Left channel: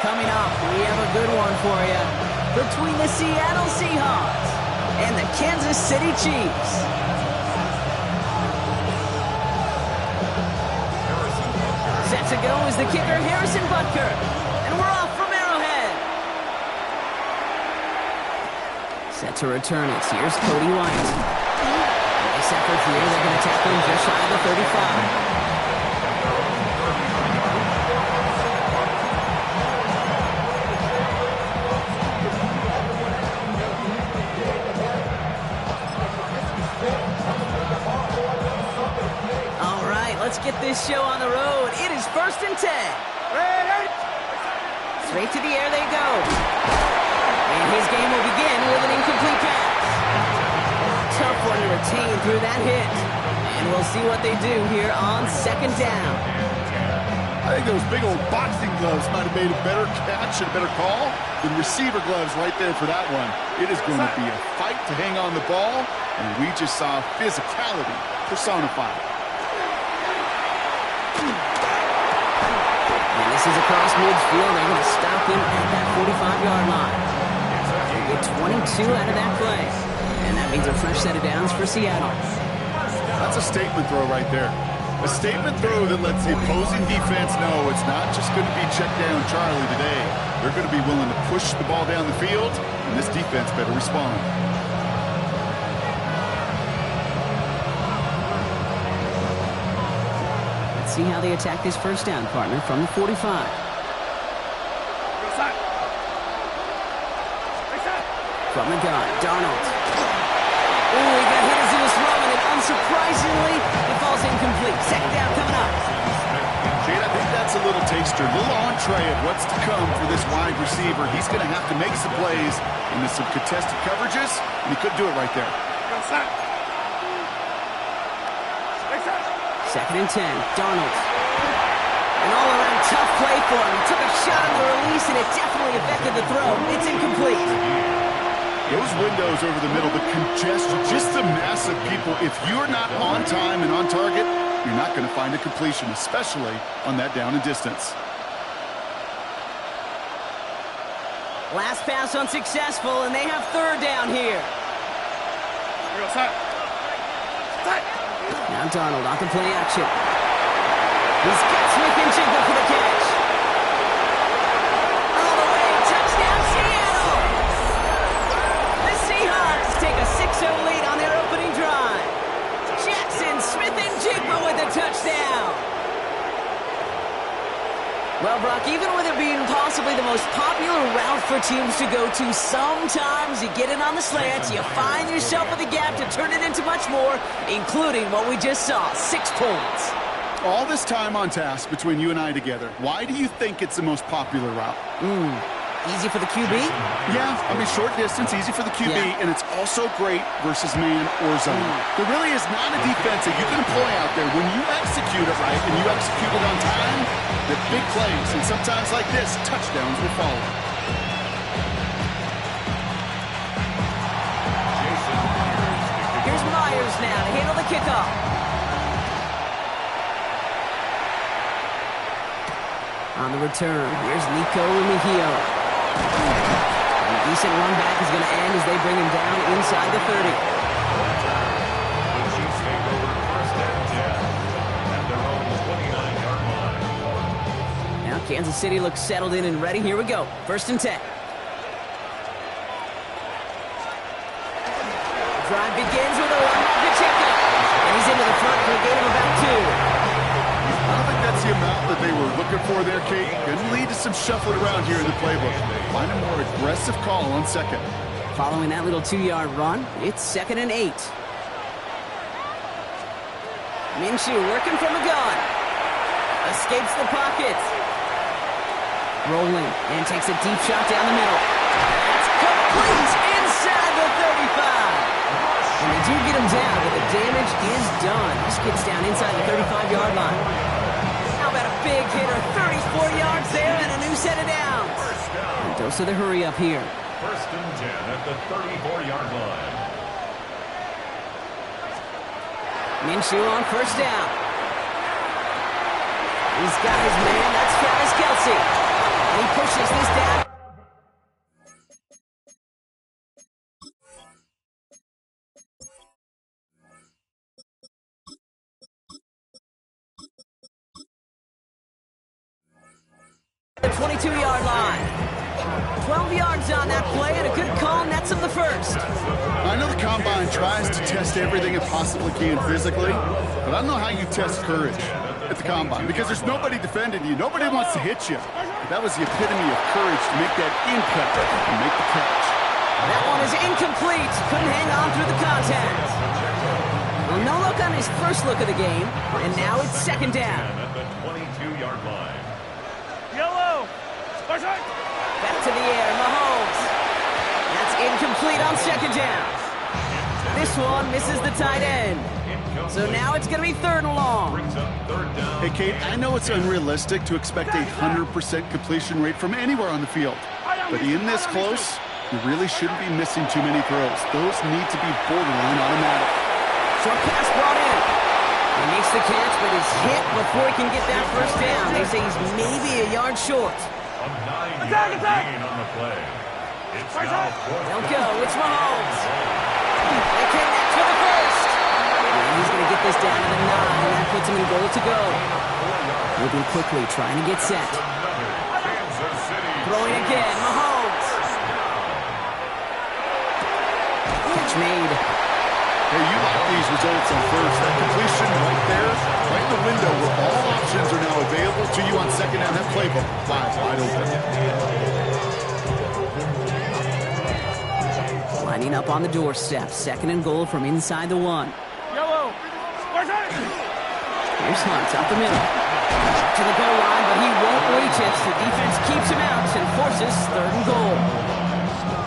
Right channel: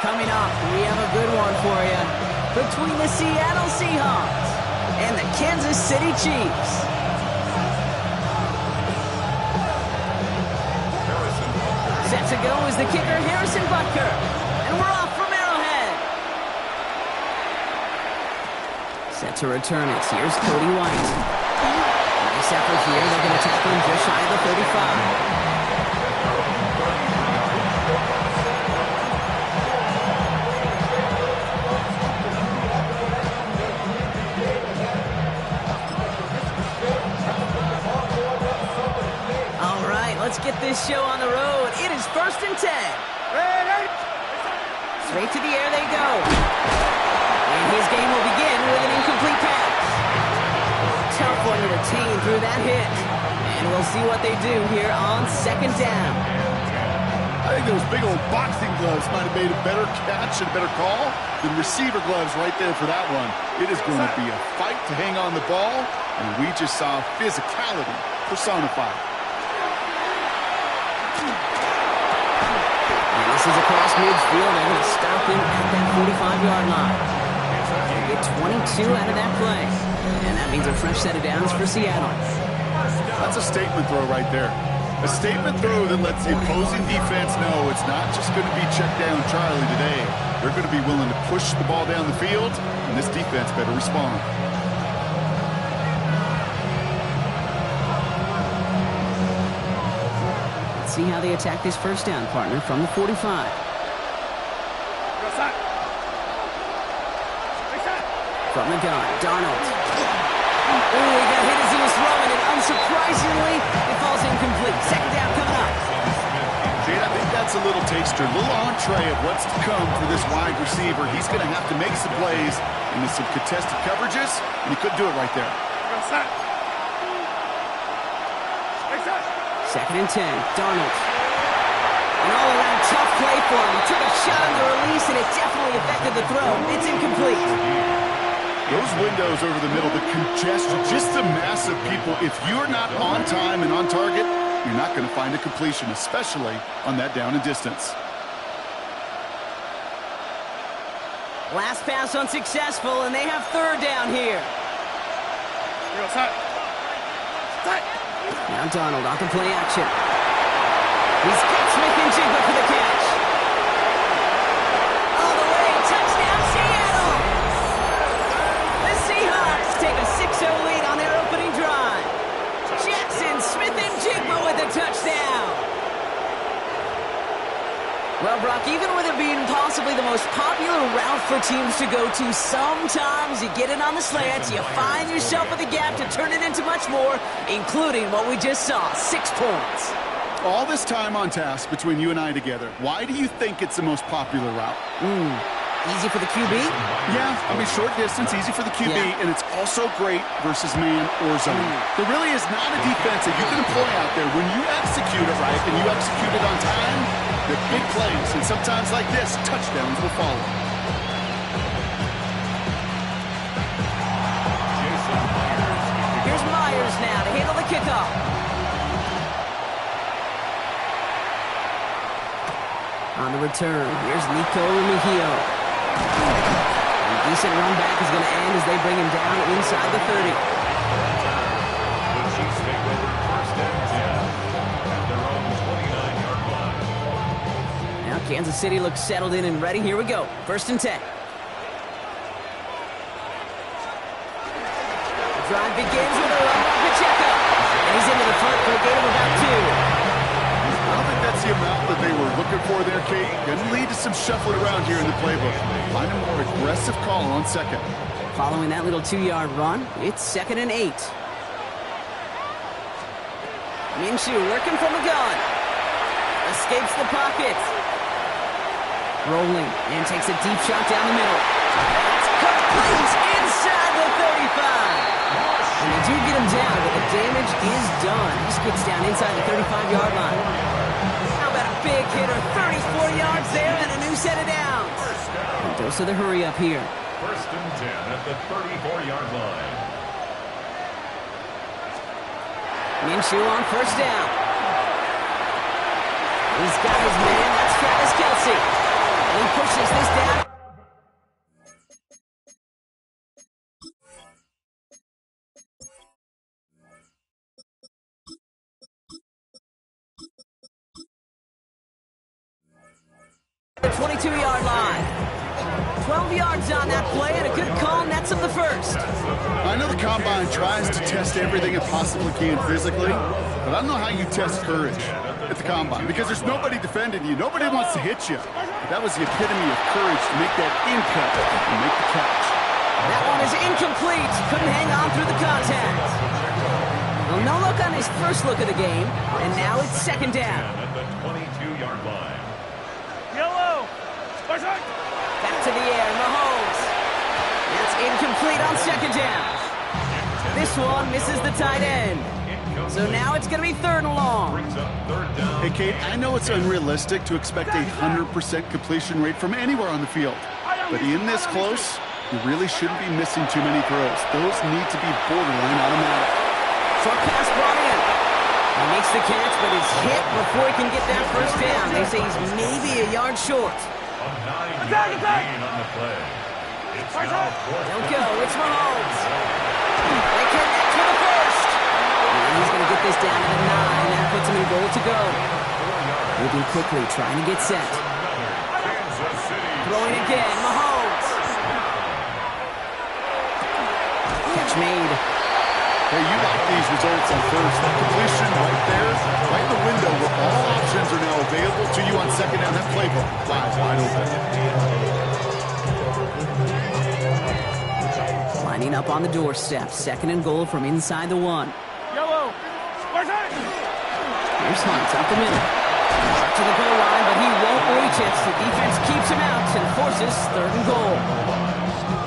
Coming up, we have a good one for you. Between the Seattle Seahawks and the Kansas City Chiefs. Set to go is the kicker, Harrison Butker. And we're off from Arrowhead. Set to return it. Here's Cody White. Nice effort here. They're going to tackle him just shy of the 35. Let's get this show on the road. It is 1st and 10. Straight to the air they go. And his game will begin with an incomplete pass. Tough one to retain through that hit. And we'll see what they do here on 2nd down. I think those big old boxing gloves might have made a better catch and a better call than receiver gloves right there for that one. It is going to be a fight to hang on the ball, and we just saw physicality personified. And this is across midfield. They're going to stop him at that 45-yard line. They get 22 out of that play. And that means a fresh set of downs for Seattle. That's a statement throw right there. A statement throw that lets the opposing defense know it's not just going to be check down Charlie today. They're going to be willing to push the ball down the field, and this defense better respond. See how they attack this 1st down, partner, from the 45. From the gun, Darnold. Oh, he got hit as he was throwing it. Unsurprisingly, it falls incomplete. 2nd down coming up. Jade, I think that's a little taster, a little entree of what's to come for this wide receiver. He's going to have to make some plays into some contested coverages, and he couldn't do it right there. 2nd and 10, Darnold. An all-around tough play for him. He took a shot on the release, and it definitely affected the throw. It's incomplete. Those windows over the middle, the congestion, just the mass of people. If you're not on time and on target, you're not going to find a completion, especially on that down and distance. Last pass unsuccessful, and they have 3rd down here. Now Darnold off the play action. He's got Smith-Njigba for the catch. All the way, touchdown Seattle! The Seahawks take a 6-0 lead on their opening drive. Jackson Smith-Njigba with a touchdown. Well, Brock, even with it being possibly the most popular route for teams to go to, sometimes you get it on the slants, you find yourself with a gap to turn it into much more, including what we just saw, 6 points. All this time on task between you and I together, why do you think it's the most popular route? Easy for the QB? Yeah, I mean, short distance, easy for the QB, and it's also great versus man or zone. There really is not a defense that you can employ out there. When you execute it right and you execute it on time, the big plays, and sometimes like this, touchdowns will follow. Here's Myers now to handle the kickoff. On the return, here's Nico Remigio. And a decent run back is going to end as they bring him down inside the 30. The Chiefs take over 1st and 10 at their own 29-yard line. Now Kansas City looks settled in and ready. Here we go. 1st and 10. The drive begins with a run by Pacheco. And he's into the front for a gain of about 2. I don't think that's the amount that they were looking for there, Kate. Going to lead to some shuffling around here in the playbook. Find a more aggressive call on 2nd. Following that little 2-yard run, it's 2nd and 8. Minshew working from the gun. Escapes the pocket. Rolling and takes a deep shot down the middle. That's complete inside the 35. And they do get him down, but the damage is done. This gets down inside the 35-yard line. How about a big hitter? 34 yards there and a new set of downs. And dose of the hurry up here. 1st and 10 at the 34-yard line. Minshew on 1st down. He's got his man. That's Travis Kelce. And he pushes this down. The 22-yard line. 12 yards on that play, and a good call nets him the first. I know the Combine tries to test everything it possibly can physically, but I don't know how you test courage at the Combine, because there's nobody defending you. Nobody wants to hit you. But that was the epitome of courage to make that in cut and make the catch. That one is incomplete. Couldn't hang on through the contact. Well, no look on his first look of the game, and now it's second down. At the 22-yard line. Yellow! Back to the air, Mahomes. That's incomplete on second down. This one misses the tight end. So now it's going to be third and long. Brings up third down. Hey, Kate, I know it's unrealistic to expect a 100% completion rate from anywhere on the field. But in this close, you really shouldn't be missing too many throws. Those need to be borderline automatic. Short pass brought in. He makes the catch, but is hit before he can get that first down. They say he's maybe a yard short. A 9-yard gain on the play. It's now fourth They'll down. go. It's Mahomes. They connect for the first. And he's going to get this down to the 9. That puts him in goal to go. Moving quickly, trying to get set. Another Kansas City. Throwing again. Mahomes. Catch made. Hey, you like these results on first. That completion right there, right in the window where all options are now available to you on second down. That playbook flies wide open. Lining up on the doorstep. Second and goal from inside the 1. Yellow! Here's Hunt up the middle. Up to the goal line, but he won't reach it. The defense keeps him out and forces third and goal.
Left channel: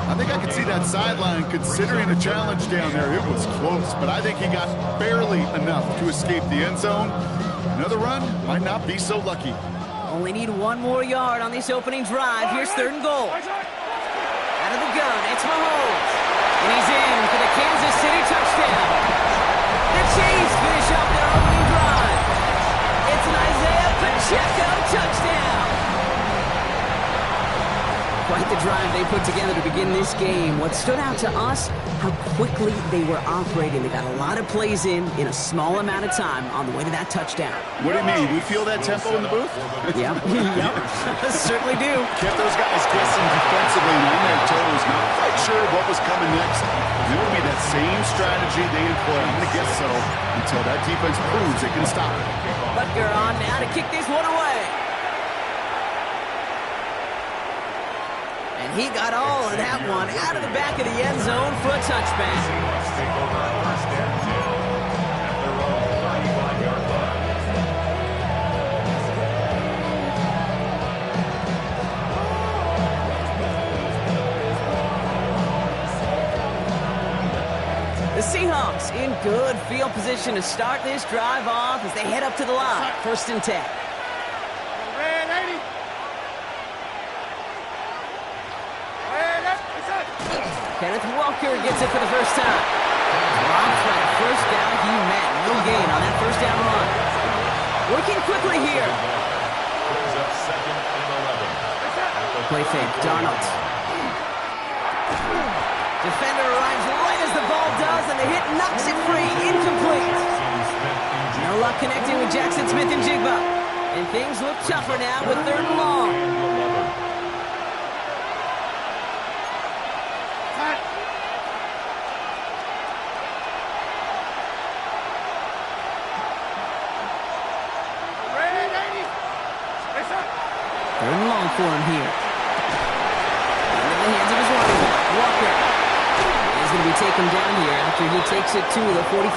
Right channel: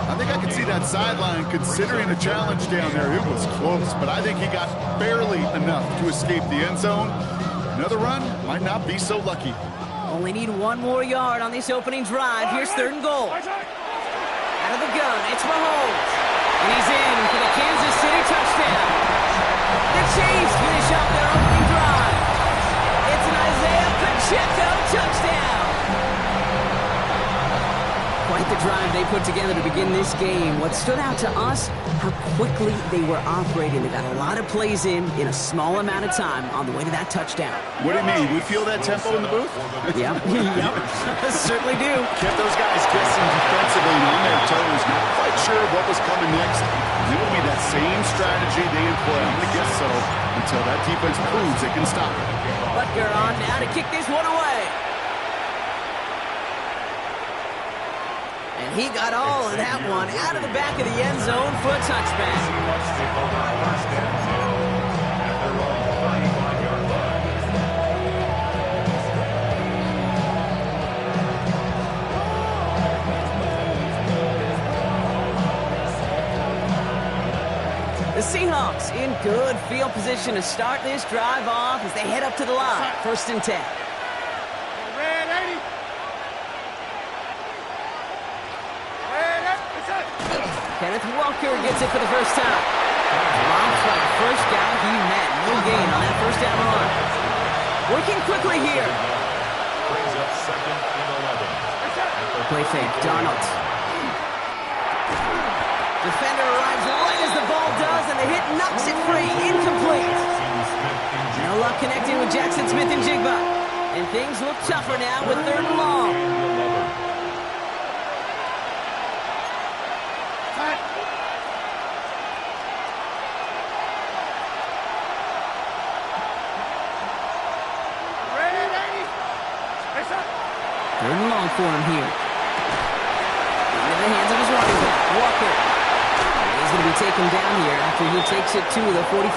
I think I could see that sideline considering the challenge down there. It was close, but I think he got barely enough to escape the end zone. Another run might not be so lucky. Only need one more yard on this opening drive. Here's third and goal. Out of the gun, it's Mahomes. And he's in for the Kansas City touchdown. The Chiefs finish off their opening drive. It's an Isaiah Pacheco touchdown. Quite the drive they put together to begin this game. What stood out to us, how quickly they were operating. They got a lot of plays in a small amount of time on the way to that touchdown. What do you mean? We feel that tempo in the booth? Yep. Certainly do. Kept those guys guessing defensively and on their toes. Not quite sure what was coming next. It will be that same strategy they employ. I'm going to guess so until that defense proves it can stop it. Butker on now to kick this one away. And he got all of that one out of the back of the end zone for a touchback. Seahawks take over first and 10 at their own 35-yard line. The Seahawks in good field position to start this drive off as they head up to the line. First and 10. Red 80! Kenneth Walker gets it for the first time. Drops by the first guy he met. No gain on that first down run. Working quickly here. Brings up second and 11. Play fake. Darnold. Defender arrives right as the ball does, and the hit knocks it free. Incomplete. No luck connecting with Jackson Smith and Jigba. And things look tougher now with third and long. Third and long for him here. Into the hands of his running back, Walker. And he's going to be taken down here after he takes it to the 45.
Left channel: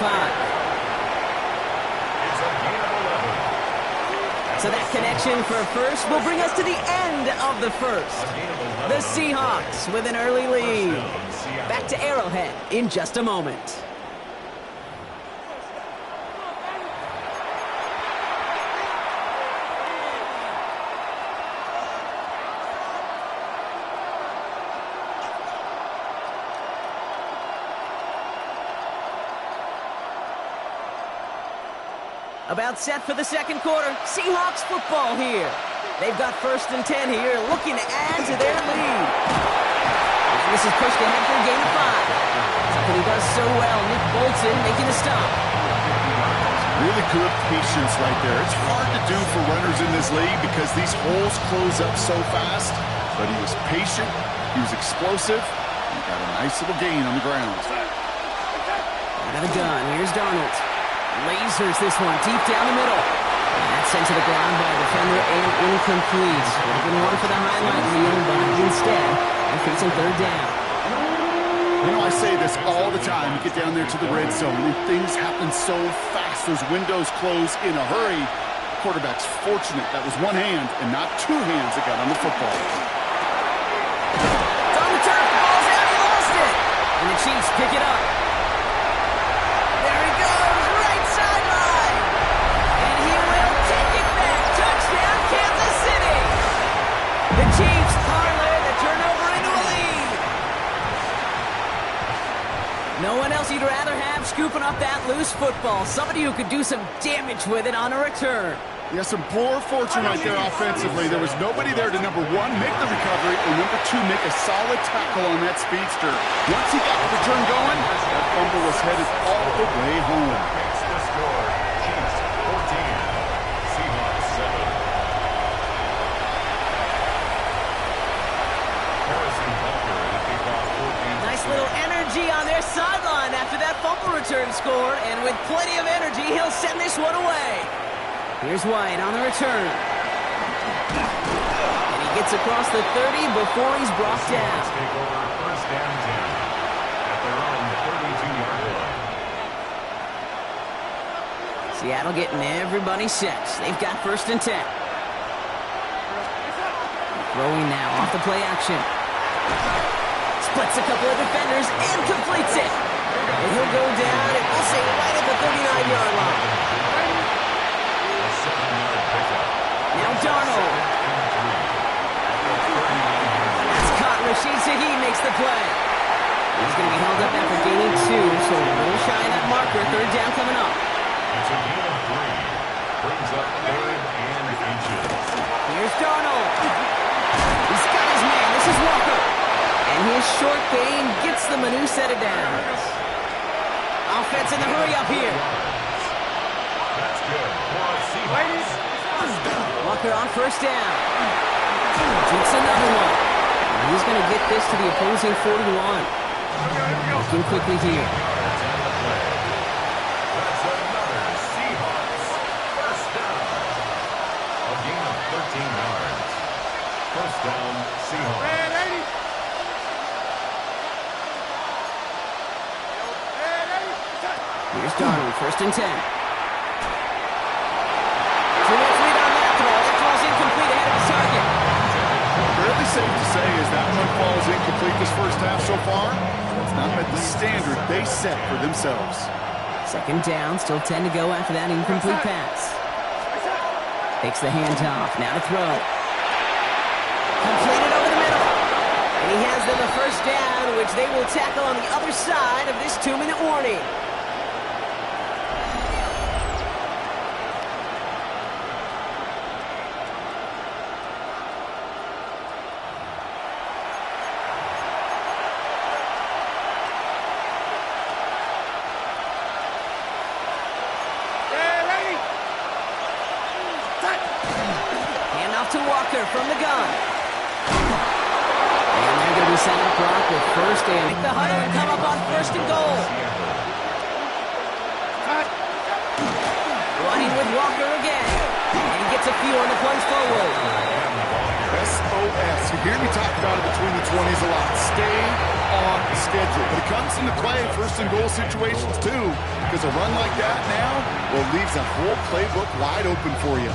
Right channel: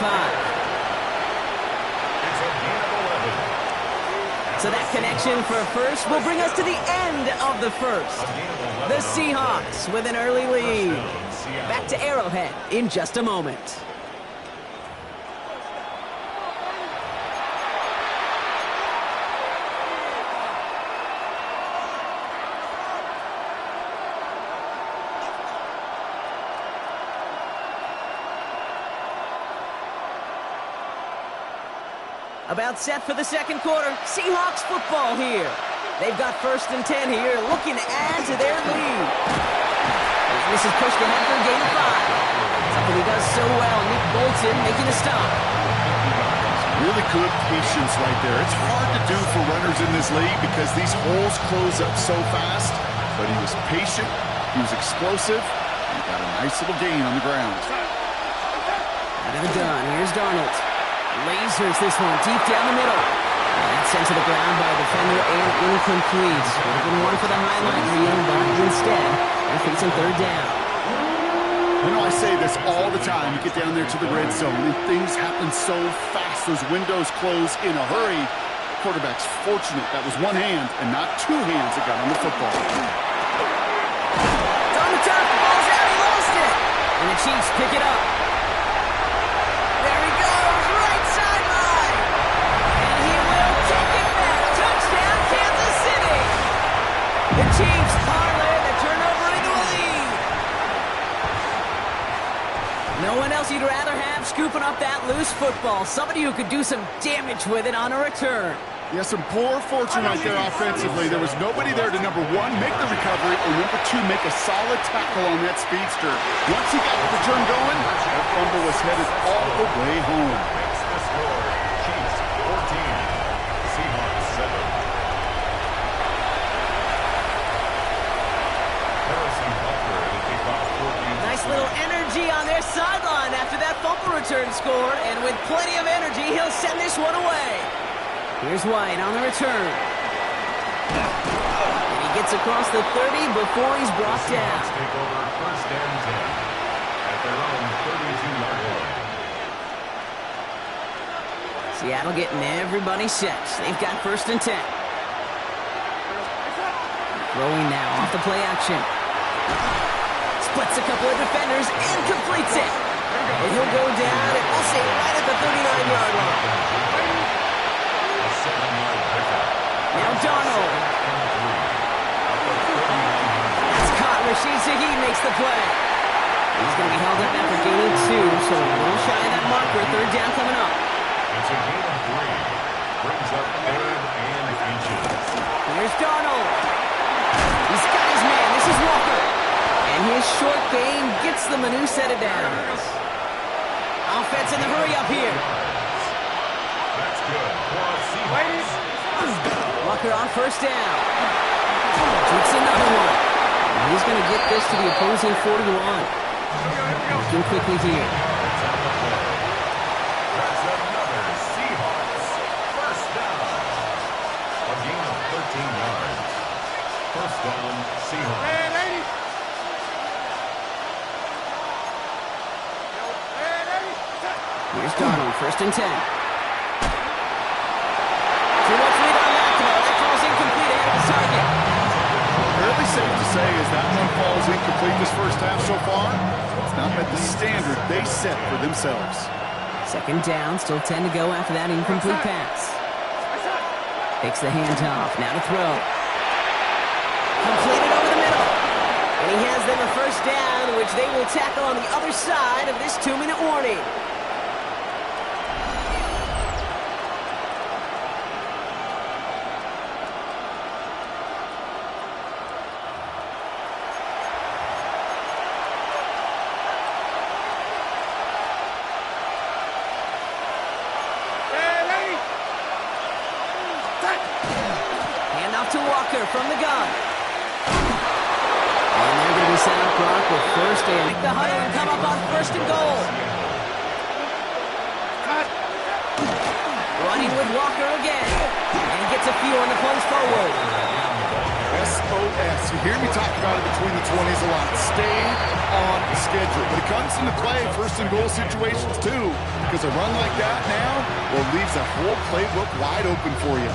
It's a gain of 11. So that connection for first will bring us to the end of the first. The Seahawks with an early lead. Back to Arrowhead in just a moment. About set for the second quarter. Seahawks football here. They've got 1st and 10 here, looking to add to their lead. And this is pushed ahead for a gain of 5. Something he does so well, Nick Bolton making a stop. Really good patience right there. It's hard to do for runners in this league because these holes close up so fast. But he was patient, he was explosive, and got a nice little gain on the ground. Out of the gun, here's Darnold. Lasers this one deep down the middle. And that's sent to the ground by a defender and incomplete. Would have been one for the highlight reel, but instead, they're facing 3rd down. You know, I say this all the time. You get down there to the red zone, and things happen so fast. Those windows close in a hurry. The quarterback's fortunate that was one hand and not 2 hands that got on the football. It's on the turf, the ball's out, he lost it. And the Chiefs pick it up. There he goes, right sideline. And he will take it back. Touchdown, Kansas City. The Chiefs parlay the turnover into a lead. No one else you'd rather have scooping up that loose football. Somebody who could do some damage with it on a return. Yeah, some poor fortune right there offensively. There was nobody there to, number 1, make the recovery, or number 2, make a solid tackle on that speedster. Once he got the return going, that fumble was headed all the way home. Makes the score. Chiefs 14, Seahawks 7. Harrison Butker to kick off 14. Nice little energy on their sideline after that fumble return scored, and with plenty of energy, he'll send this one away. Here's White on the return. And he gets across the 30 before he's brought down. Take over 1st and 10 at their own 32-yard line. Seattle getting everybody set. They've got 1st and 10. Throwing now off the play action. Splits a couple of defenders and completes it. And he'll go down, and we'll say right at the 39-yard line. Now Darnold. That's caught. Rashid Shaheed makes the play. He's going to be held up after gaining 2, so a little shy of that marker. 3rd down coming up. It's a gain of 3. Brings up 3rd and inches. Here's Darnold. He's got his man. This is Walker. And his short gain gets them a new set of downs. Offense in the hurry up here. That's good. Seahawks. Walker on 1st down. Shoots another one. And he's going to get this to the opposing 41. Working quickly here. Yards on the play. That's another Seahawks 1st down. A gain of 13 yards. 1st down, Seahawks. Red 80. Here's Darnold, 1st and 10. Too much lead on that throw. That falls incomplete ahead of his target. Fairly safe to say as that one falls incomplete this first half so far. It's not met the standard they set for themselves. 2nd down, still 10 to go after that incomplete pass. Takes the handoff, now to throw. Completed over the middle. And he has them a 1st down, which they will tackle on the other side of this 2-minute warning. Handoff to Walker from the gun. And they're going to be set up, Brock, with 1st and make the huddle and come up on 1st and goal. Running with Walker again. And he gets a few on the plunge forward. SOS. You hear me talk about it between the 20s a lot. Stay on schedule. But it comes into play 1st and goal situations too. Because a run like that now, well, leaves that whole playbook wide open for you.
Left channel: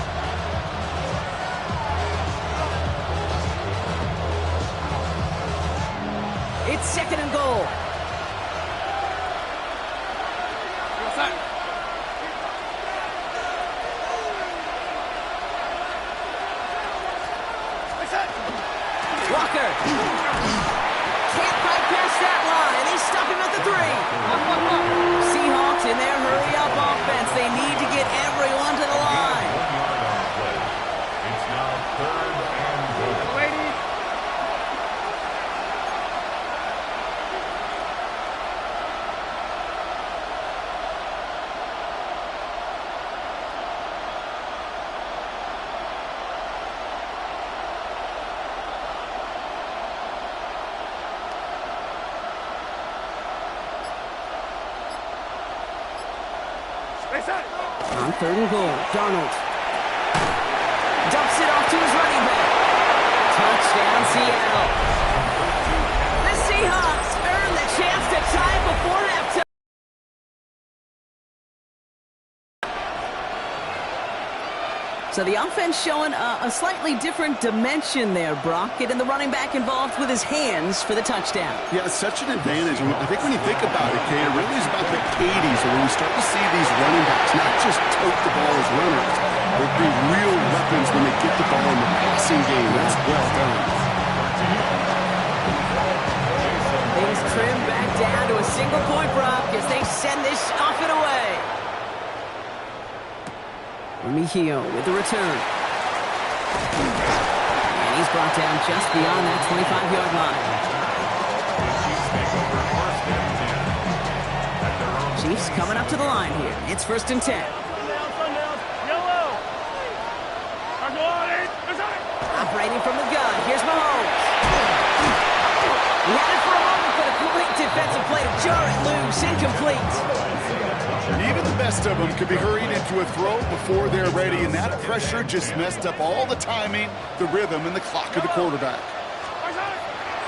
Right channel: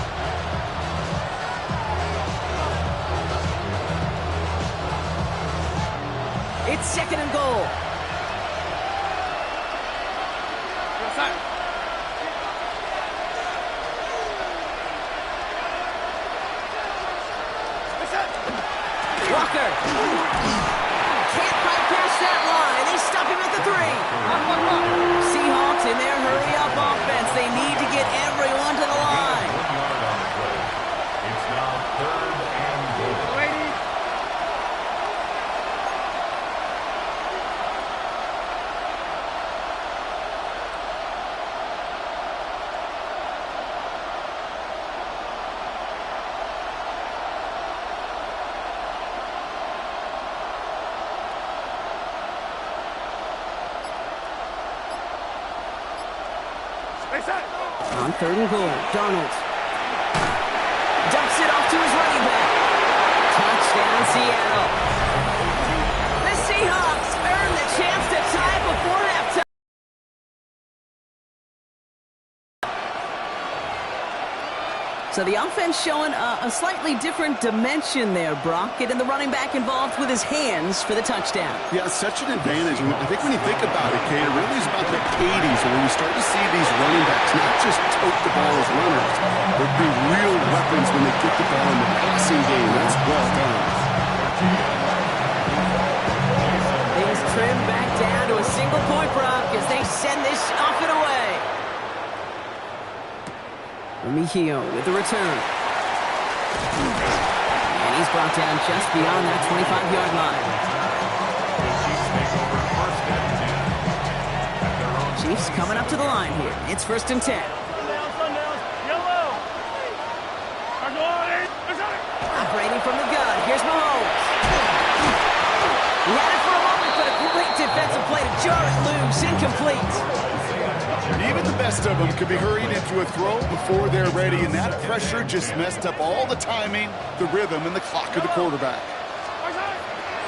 It's 2nd and goal. Walker. Can't quite pass that line. They stop him at the 3. Seahawks in their hurry-up offense. They need to get everyone to the line. 1 yard on the play. It's now 3rd On 3rd and goal, Darnold dumps it off to his running back. Touchdown, Seattle. The Seahawks earn the chance to tie it before halftime. So the offense showing a slightly different dimension there, Brock. Getting the running back involved with his hands for the touchdown. Yeah, it's such an advantage. I think when you think about it, Kate, it really is about the 80s where we start to see these running backs not just tote the ball as runners, but be real weapons when they get the ball in the passing game. That's well done. Things trim back down to a single point, Brock, as they send this off and away. Remigio with the return. And he's brought down just beyond that 25-yard line. Chiefs coming up to the line here. It's 1st and 10. Yellow. Operating from the gun. Here's Mahomes. He had it for a moment, but a great defensive play to jar it loose. Incomplete. Even the best of them could be hurried into a throw before they're ready, and that pressure just messed up all the timing, the rhythm, and the clock of the quarterback.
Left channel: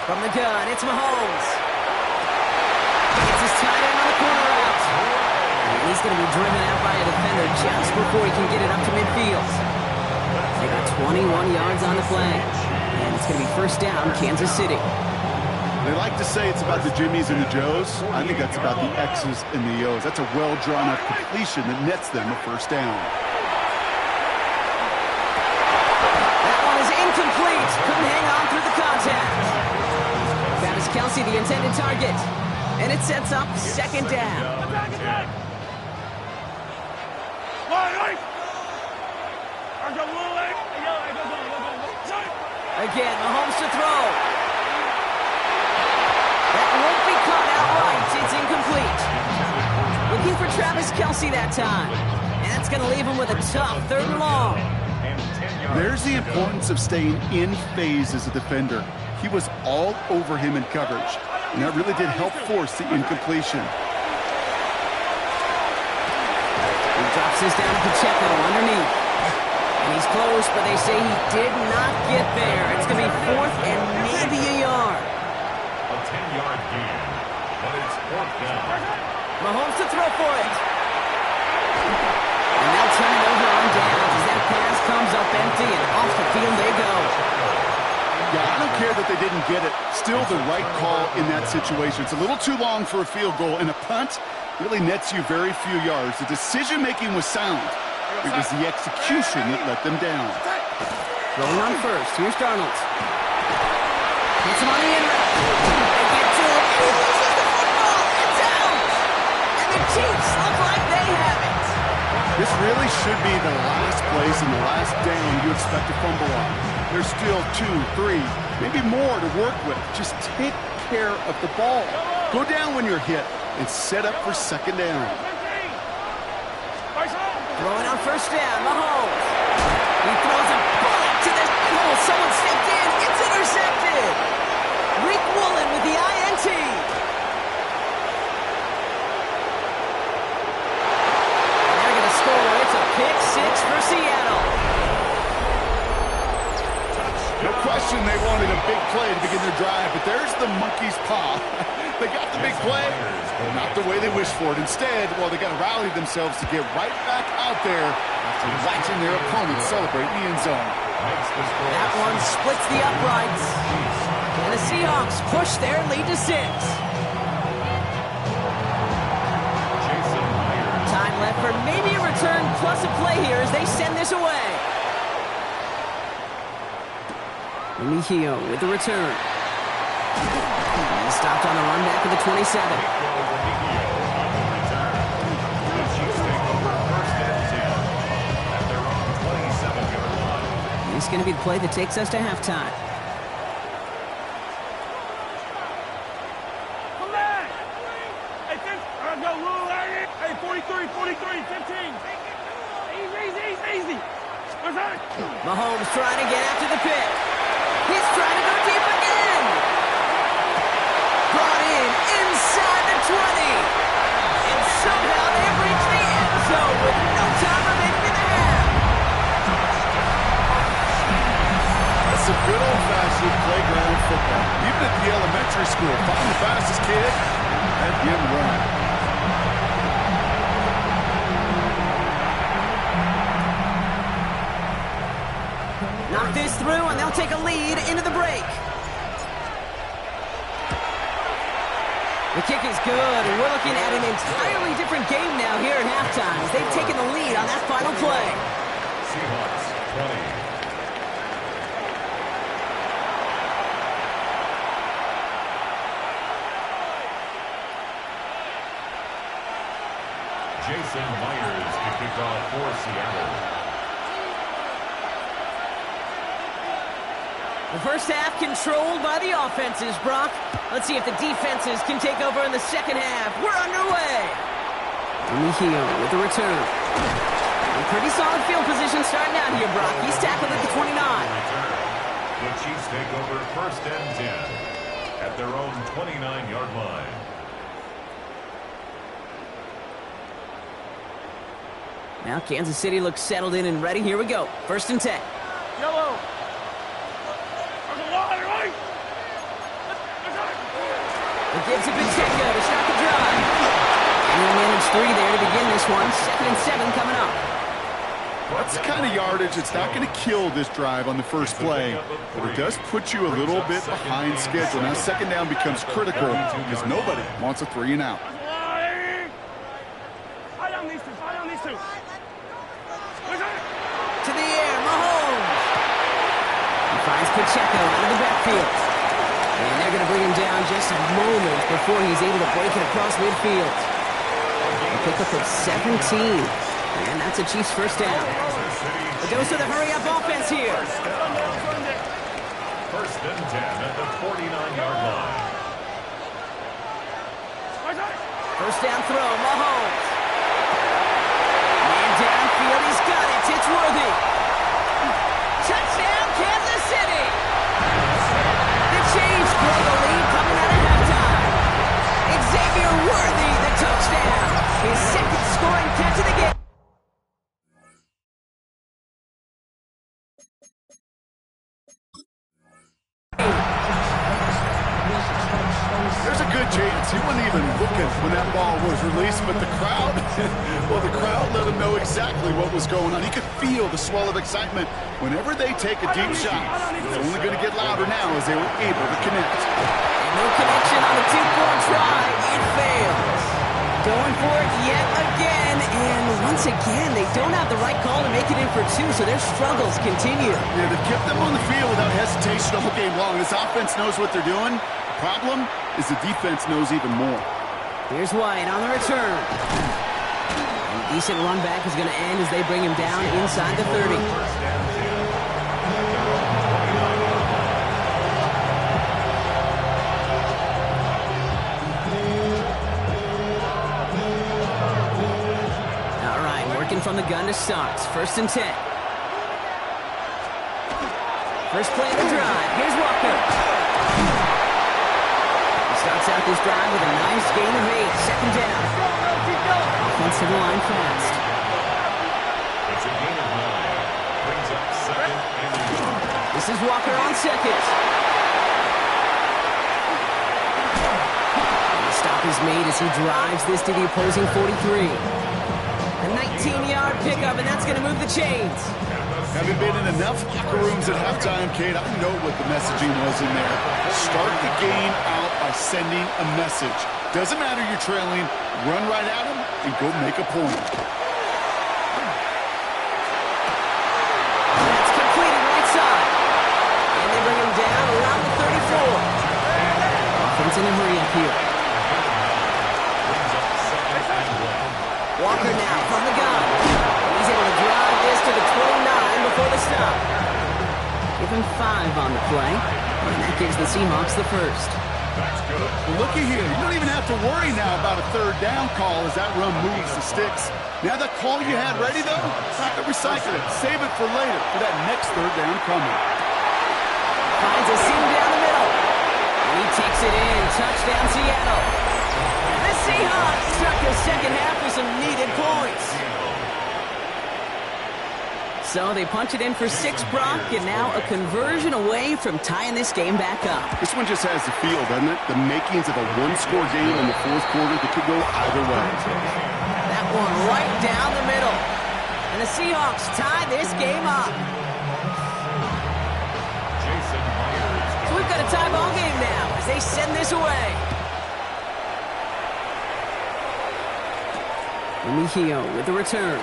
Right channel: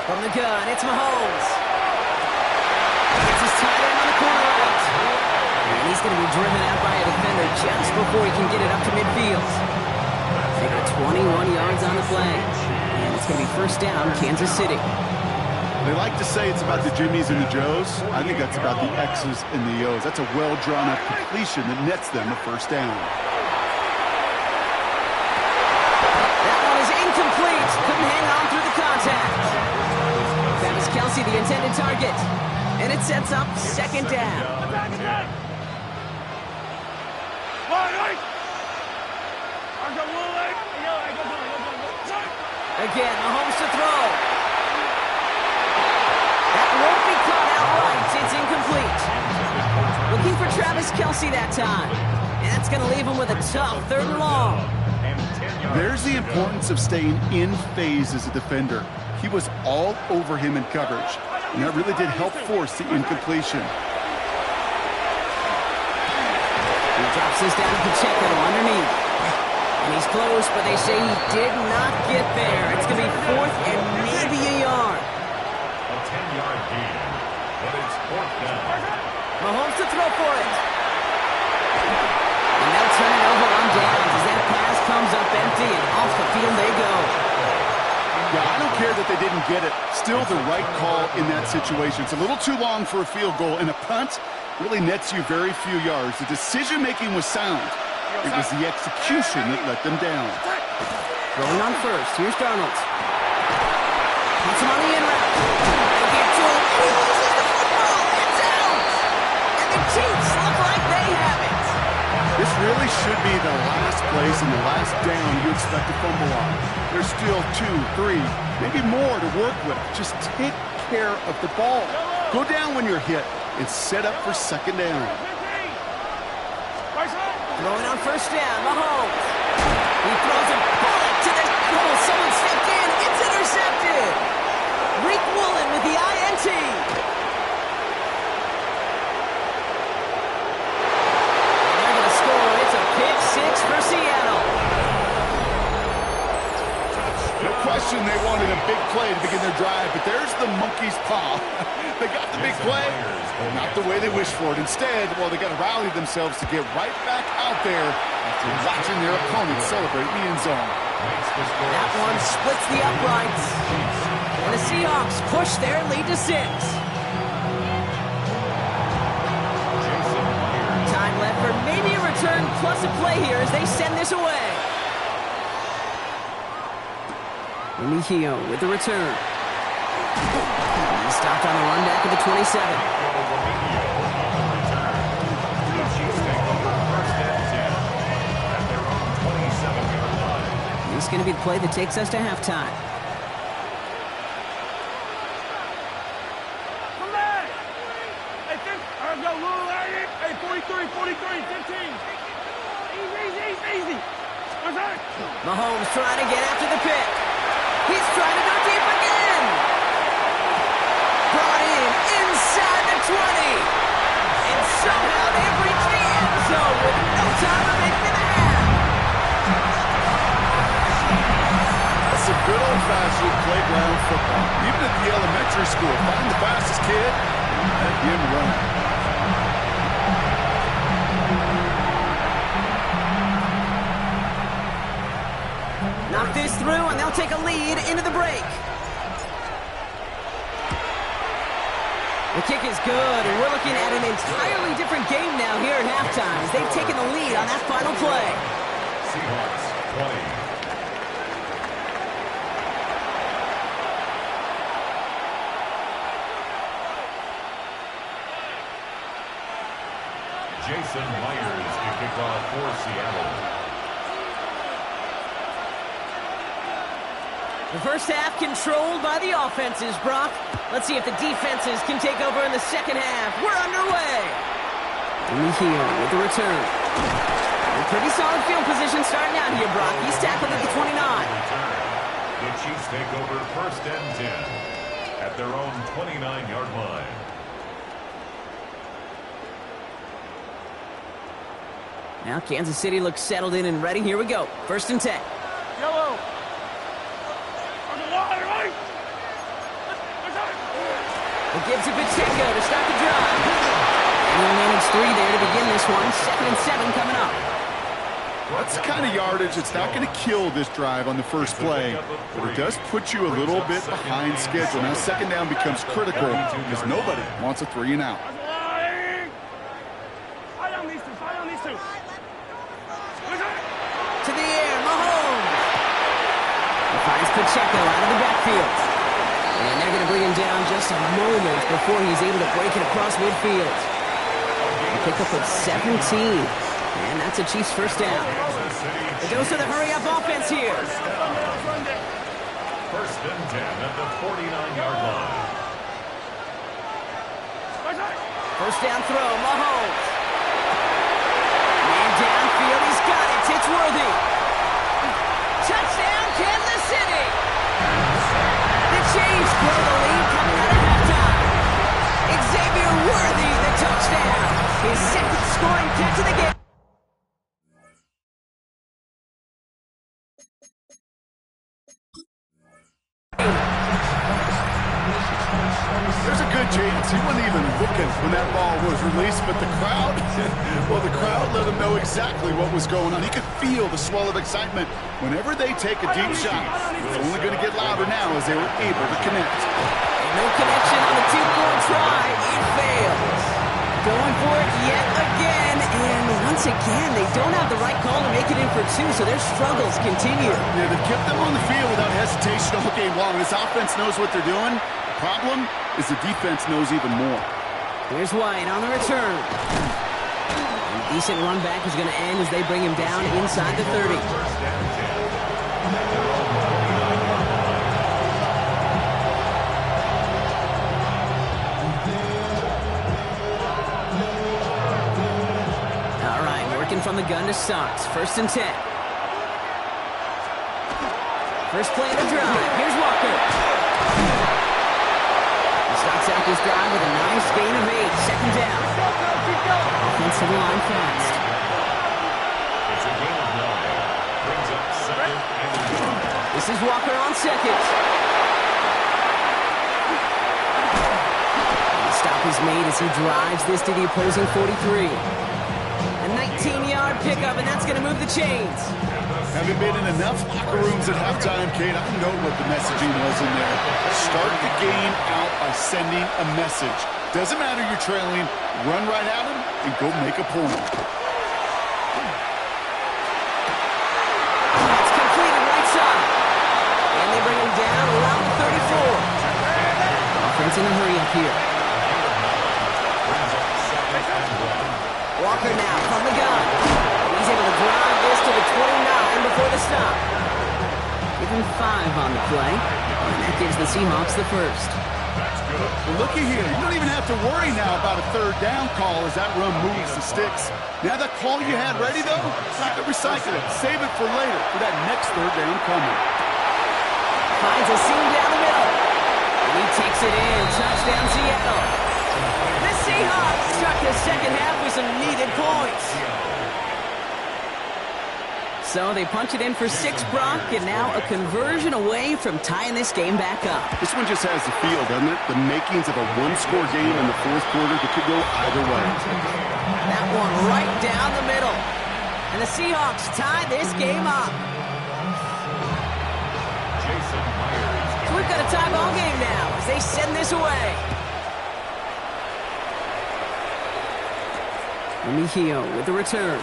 From the gun, it's Mahomes. Gets his tight end on the corner route. And he's going to be driven out by a defender just before he can get it up to midfield. They got 21 yards on the play. And it's going to be 1st down, Kansas City. They like to say it's about the Jimmies and the Joes. I think that's about the X's and the O's. That's a well-drawn-up completion that nets them a 1st down. That one is incomplete. Couldn't hang on through the contact. Travis Kelce, the intended target. And it sets up 2nd down. Again, Mahomes to throw. That won't be caught outright. It's incomplete. Looking for Travis Kelce that time. And that's going to leave him with a tough 3rd and long. There's the importance of staying in phase as a defender. He was all over him in coverage, and that really did help force the incompletion. He drops this down to Pacheco underneath. And he's close, but they say he did not get there. It's going to be 4th and maybe a yard. A 10-yard gain, but it's 4th down. Mahomes to throw for it. And they'll turn it over on downs as that pass comes up empty and off the field they go. Yeah, I don't care that they didn't get it. Still the right call in that situation. It's a little too long for a field goal, and a punt really nets you very few yards. The decision-making was sound. It was the execution that let them down. Rolling on 1st. Here's Darnold. Hits him on the in route. They get to him, and he loses the football. It's out! And the Chiefs look like they have it. This really should be the last place and the last down you expect to fumble on. There's still 2, 3, maybe more to work with. Just take care of the ball. Go down when you're hit and set up for 2nd down. Throwing on 1st down, Mahomes. He throws a bullet to the hole. Someone stepped in. It's intercepted. Rick Woolen with the INT. And they're going to score. It's a pick 6 for Seattle. No question they wanted a big play to begin their drive, but there's the monkey's paw. They got the big play, but not the way they wished for it. Instead, well, they got to rally themselves to get right back out there after watching their opponent celebrate in the end zone. That one splits the uprights. And the Seahawks push their lead to 6. Time left for maybe a return plus a play here as they send this away. Remigio with the return. He stopped on the run back of the 27. This is going to be the play that takes us to halftime. Come back! Hey, go, Lou, hey, 43, 43, 15. Easy. What's that? Mahomes trying to get after the pick. He's trying to go deep again. Brought in inside the 20. And somehow they've reached the end zone Good old-fashioned playground football. Even at the elementary school, find the fastest kid and let him run. Knock this through, and they'll take a lead into the break. The kick is good, and we're looking at an entirely different game now here at halftime as they've taken the lead on that final play. Seahawks 20. Jason Myers to kick off for Seattle. The first half controlled by the offenses, Brock. Let's see if the defenses can take over in the second half. We're underway. Mejia with the return. A pretty solid field position starting out here, Brock. He's tackled at the 29. The Chiefs take over first and 10 at their own 29-yard line. Now Kansas City looks settled in and ready. Here we go. First and 10. Yellow. It gives to Pacheco to start the drive. And he'll manage 3 there to begin this one. 2nd and 7 coming up. That's the kind of yardage that's not going to kill this drive on the first play, but it does put you a little bit behind schedule. Now second down becomes critical because nobody wants a 3 and out. Fight on these two. Fight on these two. To the air, Mahomes. He finds Pacheco out of the backfield. And they're going to bring him down just a moment before he's able to break it across midfield. A pickup of 17. And that's a Chiefs first down. The dose of the hurry-up offense here. First and 10 at the 49-yard line. First down throw, Mahomes. Man downfield, he's got it. It's Worthy. Touchdown, Kansas City. The Chiefs grow the lead coming out of halftime. Xavier Worthy, the touchdown. His second scoring catch of the game. There's a good chance he wasn't even looking when that ball was released, but the crowd, well, the crowd let him know exactly what was going on. He could feel the swell of excitement. Whenever they take a deep shot, it's only going to get louder now as they were able to connect. And no connection on the 2-point try. It fails. Going for it yet again, and once again, they don't have the right call to make it in for 2, so their struggles continue. Yeah, they've kept them on the field without hesitation all game long. This offense knows what they're doing. The problem is the defense knows even more. Here's White on the return. And a decent run back is going to end as they bring him down inside the 30. First and 10 at their own 29-yard line. All right, working from the gun to start. First and 10. First play of the drive. Here's Walker. He starts out this drive with a nice gain of 8. Second down. Offensive line fast. It's a gain of 9. Brings up second and yard. This is Walker on second. And the stop is made as he drives this to the opposing 43. A 19-yard pickup, and that's going to move the chains. Having been in enough locker rooms at halftime, Kate, I know what the messaging was in there. Start the game out by sending a message. Doesn't matter you're trailing, run right at them and go make a point. That's completed right side. And they bring him down around the 34. Offense in a hurry up here. Brings up second and 1. Walker now from the gun. And he's able to drive this to the 29 before the stop. Give him 5 on the play. And that gives the Seahawks the first. That's good. Well, looky here. You don't even have to worry now about a third down call as that run moves the sticks. Now that call you had ready, though, you can recycle it. Save it for later for that next third down coming. Finds a seam down the middle. And he takes it in. Touchdown, Seattle. The Seahawks start the second half with some needed points. So they punch it in for 6, Brock, and now a conversion away from tying this game back up. This one just has the feel, doesn't it? The makings of a one-score game in the fourth quarter that could go either way. That one right down the middle. And the Seahawks tie this game up. So we've got a tie ball game now as they send this away. Remigio with the return.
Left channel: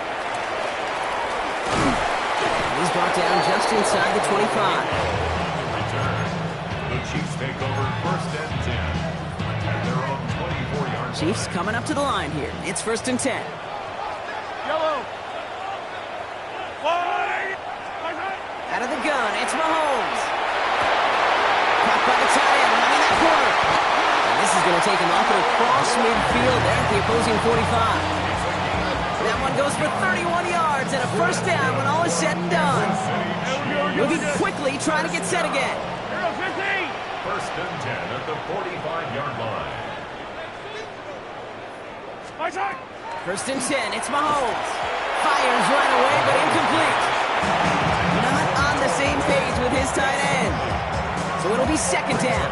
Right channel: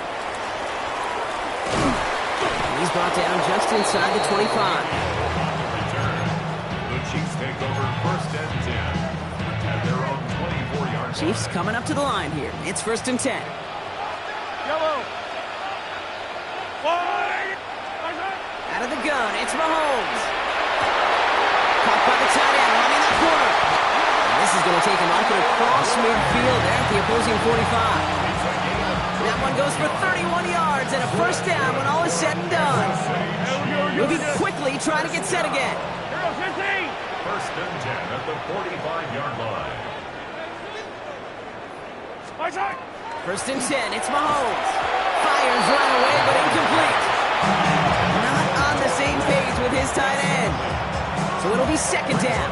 He's brought down just inside the 25. On the return, the Chiefs take over 1st and 10 at their own 24-yard line. Chiefs coming up to the line here. It's 1st and 10. Yellow. Wide. Out of the gun, it's Mahomes. Caught by the tight end, running that corner. And this is going to take him up and across midfield there at the opposing 45. That one goes for 31 yards and a 1st down when all is said and done. Moving quickly, trying to get set again. Here goes 15. 1st and 10 at the 45-yard line. My side. 1st and 10, it's Mahomes. Fires right away, but incomplete. Not on the same page with his tight end. So it'll be 2nd down.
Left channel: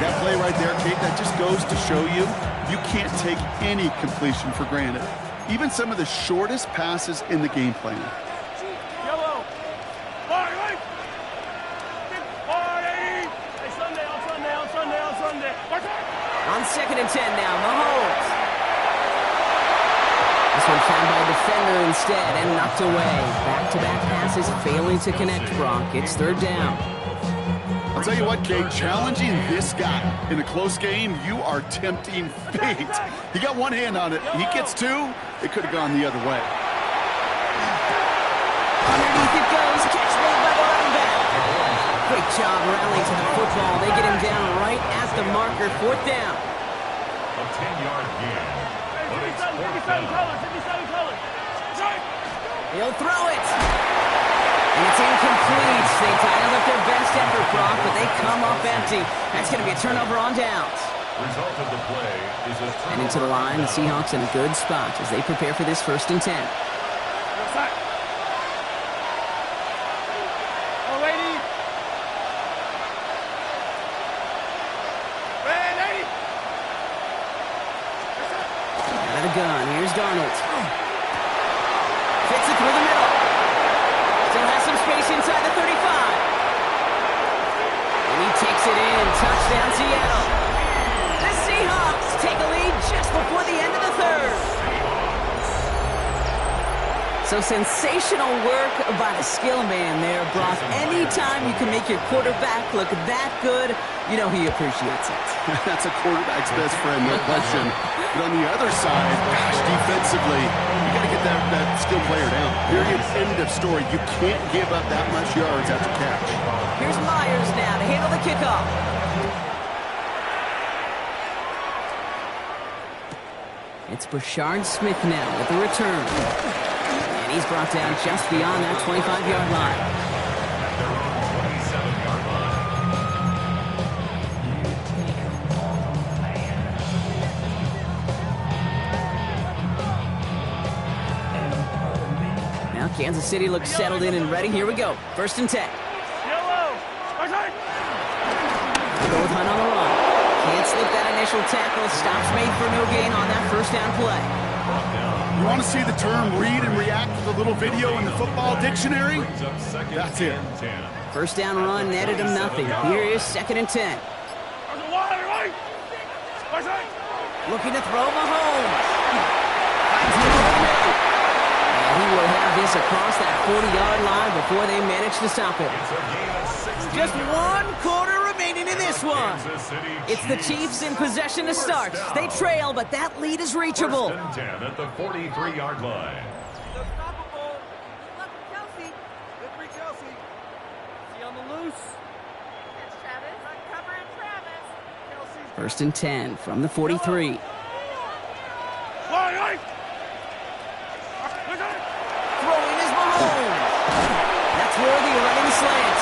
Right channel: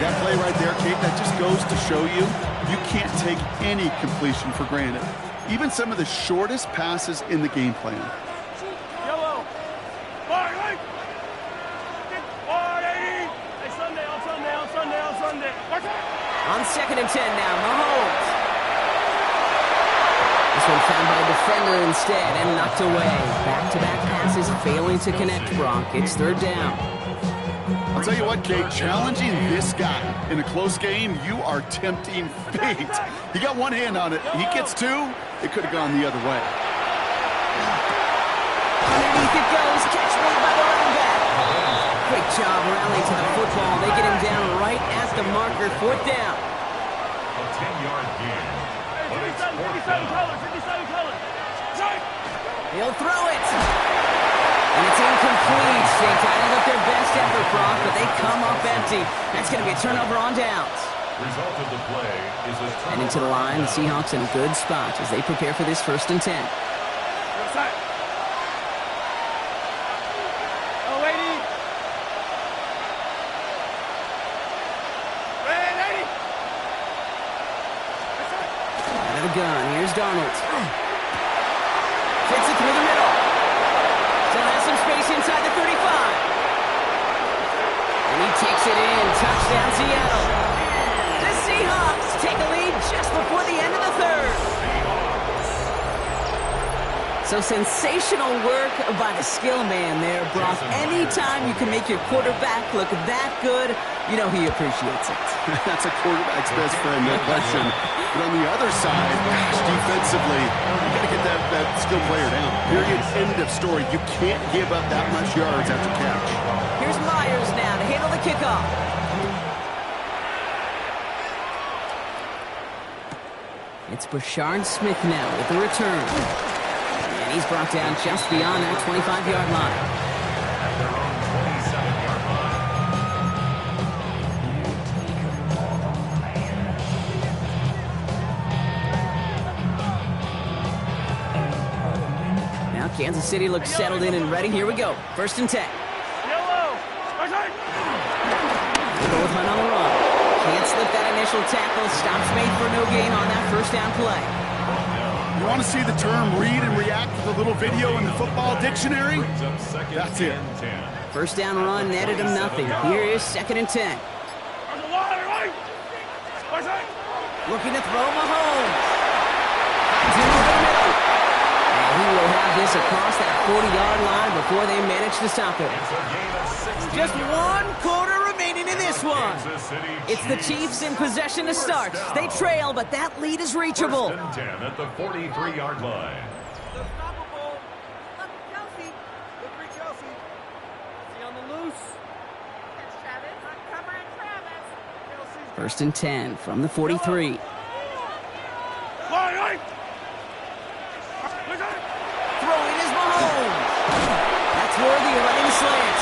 That play right there, Kate, that just goes to show you, you can't take any completion for granted. Even some of the shortest passes in the game plan. Yellow. Wide. 180. Hey, Sunday, on Sunday, on Sunday, on Sunday. Watch out. On 2nd and 10 now, Mahomes. This one found by a defender instead and knocked away. Back-to-back passes failing to connect, Brock. It's 3rd down. I'll tell you what, Kate, challenging this guy in a close game, you are tempting fate. He got one hand on it. He gets 2. It could have gone the other way. Underneath it goes. Catch made by the running back. Great job rallying to the football. They get him down right at the marker. 4th down. A 10-yard gain. But it's 4th 57 down. colors, 57 colors. He'll throw it. And it's incomplete. They titled up their best effort, Brock, but they come up empty. That's going to be a turnover on downs. Result of the play is a turnover. And into the line, the Seahawks in a good spot as they prepare for this 1st and 10. Go side. Oh, lady. Red lady. Out of the gun, here's Darnold. Fits it through the middle. Still has some space inside the 35. And he takes it in. Touchdown, Seattle. The Seahawks take a lead just before the end of the 3rd. So sensational work by the skill man there, Brock. Anytime you can make your quarterback look that good, you know he appreciates it. That's a quarterback's best friend, no question. But on the other side, gosh, defensively, you got to get that skill player down. Period. End of story. You can't give up that much yards after catch. Here's Myers now to handle the kickoff. It's Brashard Smith now with the return. And he's brought down just beyond that 25-yard line. At their own 27-yard line. Now Kansas City looks settled in and ready. Here we go. 1st and 10. Yellow. My side. Go with Hunt on the run. Can't slip that initial tackle. Stops made for no gain on that 1st down play. You want to see the term read and react with a little video in the football dictionary? That's it. 1st down run netted him nothing. Here is 2nd and 10. Looking to throw Mahomes. Finds him over the middle. And he will have this across that 40-yard line before they manage to stop him. Just 1 quarter remaining in this one. It's the Chiefs in possession to start. They trail, but that lead is reachable. 1st and 10 at the 43-yard line. Unstoppable. Look, Kelsey. Good for Kelsey. Is he on the loose? It's Travis. Not covering Travis. Kelsey's 1st and 10 from the 43. Throwing is Mahomes. That's worthy of running the slant.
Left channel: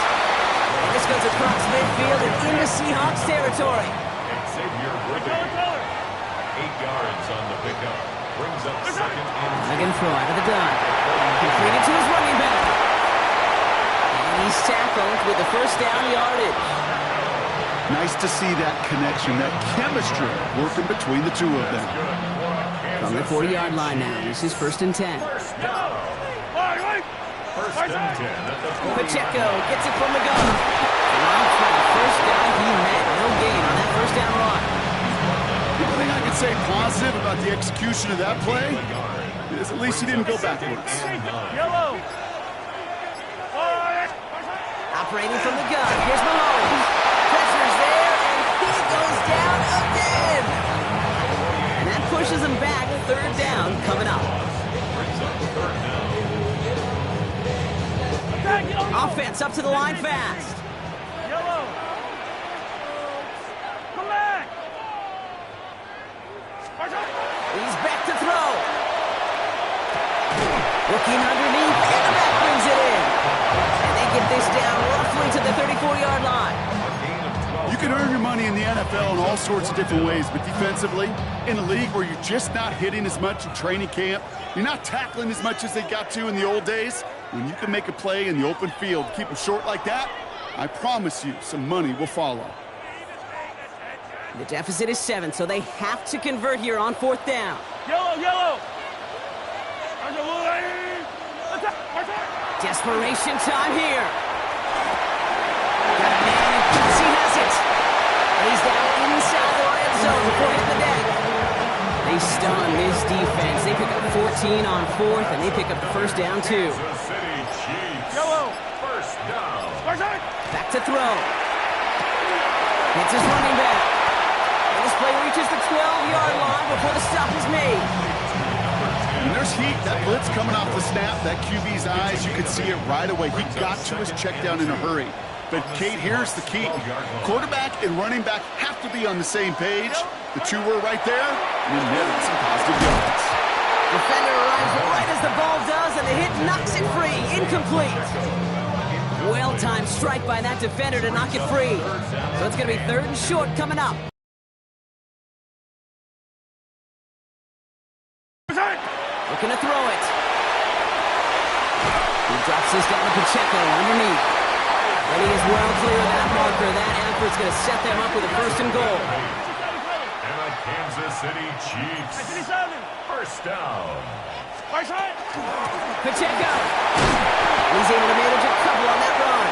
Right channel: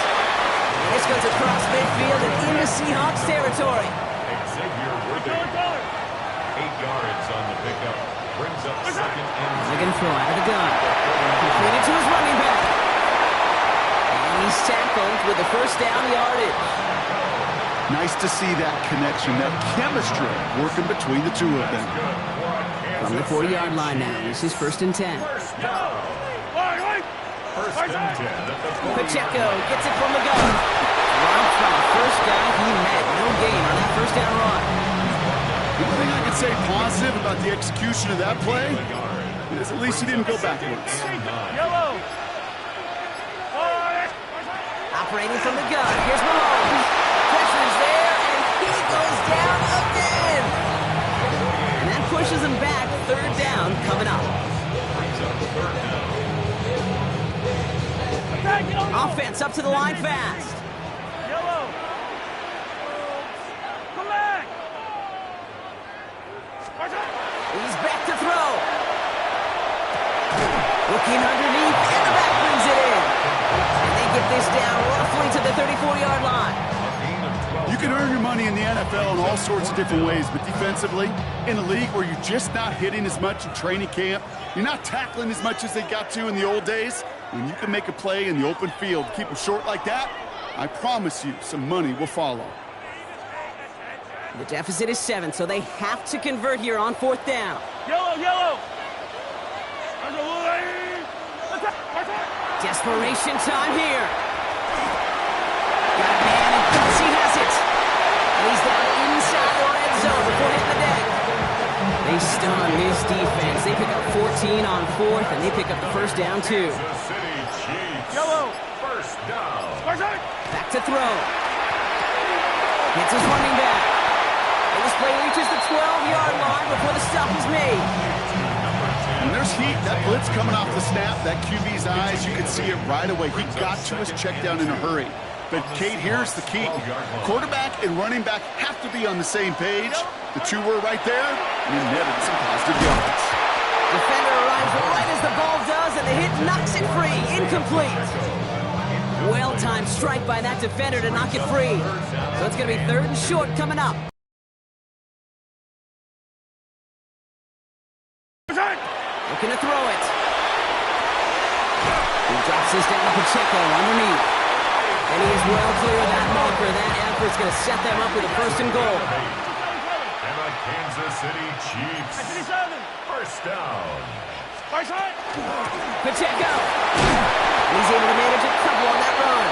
And this goes across midfield and into Seahawks territory. Xavier Worthy. 8 yards on the pickup. Brings up second and Again, throw out of the gun. Completed to his running back. And he's tackled with the first down yardage. Nice to see that connection, that chemistry working between the two of them. From the 40-yard line now. This is 1st and 10. First down. First and 10 at the 40. Pacheco gets it from the gun. Dropped by the first guy he met. No gain on that first down run. The only thing I can say positive about the execution of that play is at least he didn't go backwards. Yellow. Operating from the gun. Here's Mahomes. Pressure's there, and he goes down again. And that pushes him back. 3rd down coming up. Brings up third down. Offense up to the line fast. Yellow. Come back. He's back to throw. Looking underneath, and the back brings it in. And they get this down roughly to the 34-yard line. A gain of 12. You can earn your money in the NFL in all sorts of different ways, but defensively, in a league where you're just not hitting as much in training camp, you're not tackling as much as they got to in the old days, when you can make a play in the open field, keep them short like that, I promise you some money will follow. The deficit is 7, so they have to convert here on 4th down. Yellow. Desperation time here. Got a man, and Kelsey has it. And he's down inside the red zone before hitting the deck. They stun this defense. They pick up 14 on 4th, and they pick up the first down, too. Kansas City Chiefs. Yellow. First down. Back to throw. Hits his running back. And this play reaches the 12-yard line before the stop is made. When there's heat, that blitz coming off the snap, that QB's eyes, you can see it right away. He got to his check down in a hurry. But, Kate, here's the key. Quarterback and running back have to be on the same page. The two were right there, and he netted some positive yards. Defender arrives right as the ball does, and the hit knocks it free. Incomplete. Well-timed strike by that defender to knock it free. So it's going to be 3rd and short coming up. Looking to throw it. He drops this down to Pacheco underneath. And he is well clear of that marker. That effort's going to set them up with a 1st and goal. And the Kansas City Chiefs. First down. Pacheco. He's able to manage a couple on that run.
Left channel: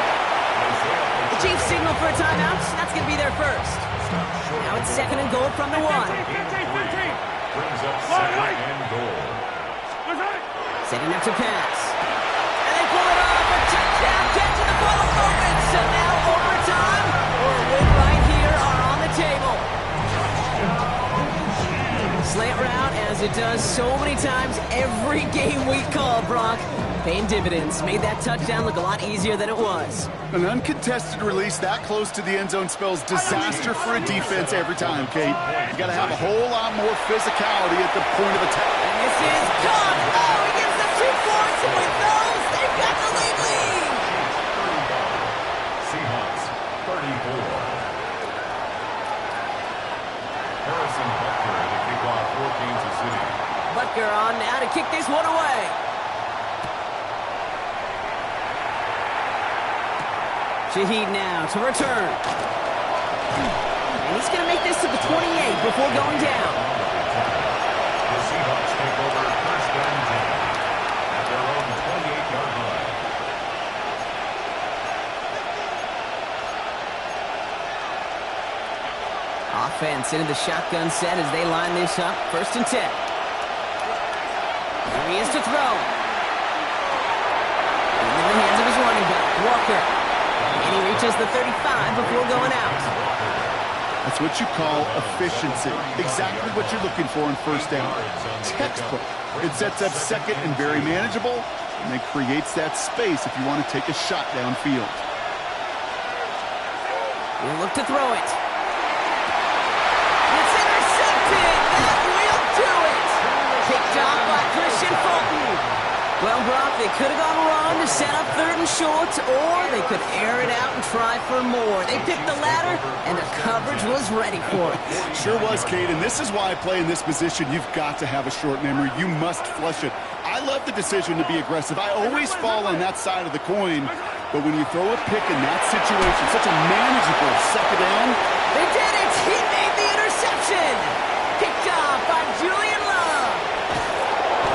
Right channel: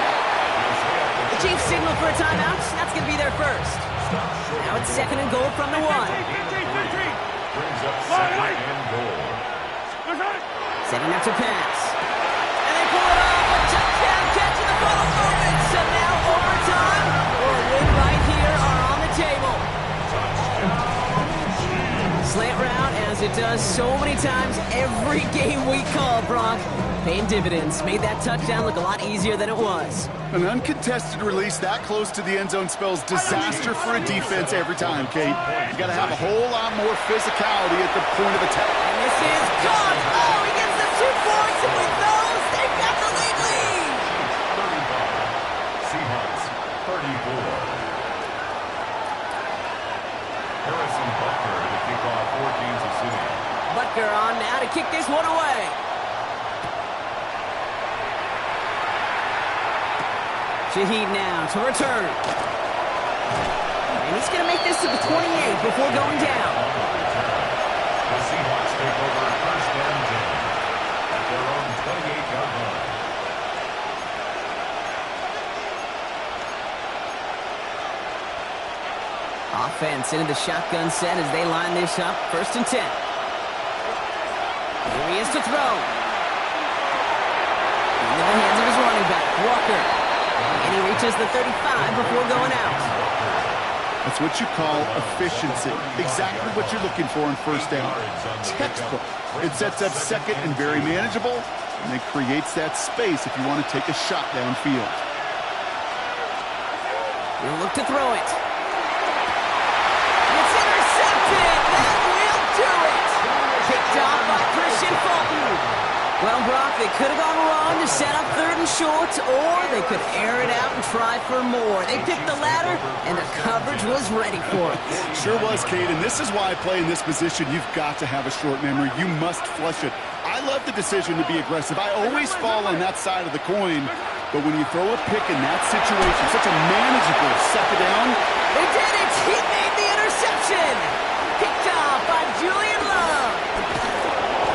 The Chiefs signal for a timeout. That's going to be their first. Now it's 2nd and goal from the 1. 15. Brings up second and goal. Setting up to pass. And they pull it off. A touchdown catch in the final moments. So now overtime or a win right here are on the table. Slant route, as it does so many times every game we call, Brock. Paying dividends. Made that touchdown look a lot easier than it was. An uncontested release that close to the end zone spells disaster for a defense every time, Kate. You got to have a whole lot more physicality at the point of attack. And this is gone. Oh, he gets them 2 points, and with those, they've got the lead. 35. Seahawks 34. Harrison Butker to kick off for Kansas City. Butker on now to kick this one away. Shaheed now to return. And he's going to make this to the 28 before going down. The Seahawks take over 1st and 10 at their own 28-yard line. Offense into the shotgun set as they line this up. 1st and 10. Here he is to throw. Into the hands of his running back, Walker. And he reaches the 35 before going out. That's what you call efficiency. Exactly what you're looking for in 1st down. Textbook. It sets up 2nd and very manageable, and it creates that space if you want to take a shot downfield. He'll look to throw it. It's intercepted. That will do it. Picked off by Christian Fulton. Well, Brock, they could have gone wrong to set up 3rd and short, or they could air it out and try for more. They picked the latter, and the coverage was ready for it. Sure was, Kate, and this is why I play in this position. You've got to have a short memory. You must flush it. I love the decision to be aggressive. I always fall on that side of the coin, but when you throw a pick in that situation, such a manageable 2nd down. They did it! He made the interception! Picked off by Julian Love.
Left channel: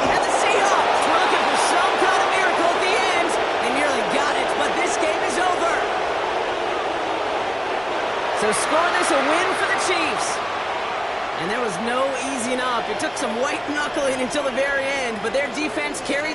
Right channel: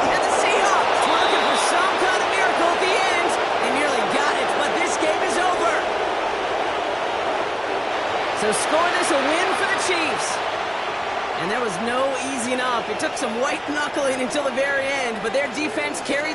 And the Seahawks were looking for some kind of miracle at the end. They nearly got it, but this game is over. So scoreless, a win for the Chiefs. And there was no easing up. It took some white knuckling until the very end, but their defense carried